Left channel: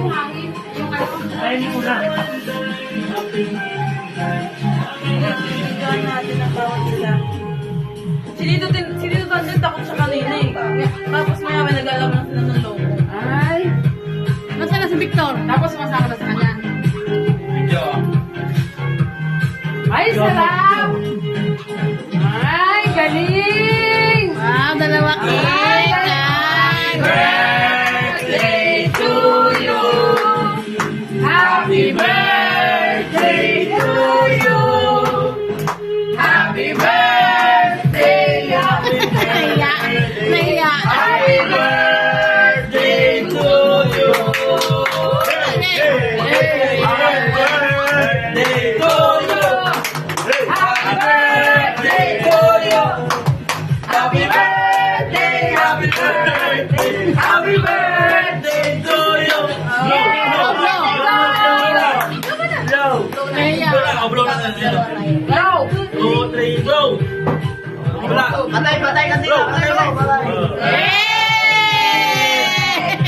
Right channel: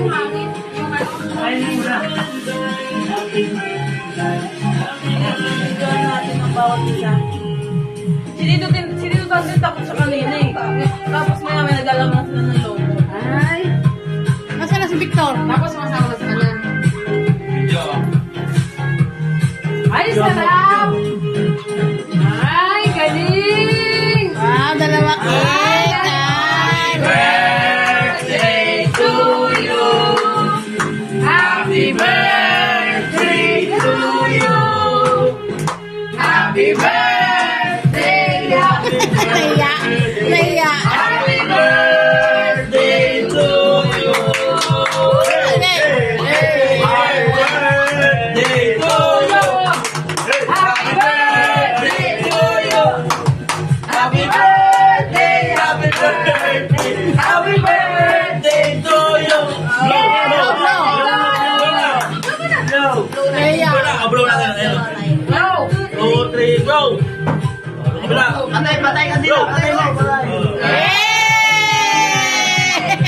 yung hangin. Yung ano. Ayun muna. Videoan natin ang bawat isa. Sinito din takot sa kanina eh. Tapos may nag-alam na sila ng logo. Ay. Nasaan na si Victor? Tapos masama na sa kanya. Video. Ay, sarap! Ay, galing! Wow, dalawa cake. Ay. Birthday to you. Happy birthday to you. Happy birthday. Naiya. Naiya. Happy birthday to you. Okay. Happy birthday to you. Happy birthday to you. Happy birthday, happy birthday, happy birthday to you. Blow, blow. Naiya. Blow na tayo. Go! 2, 3, go. Patay ka din. Blow.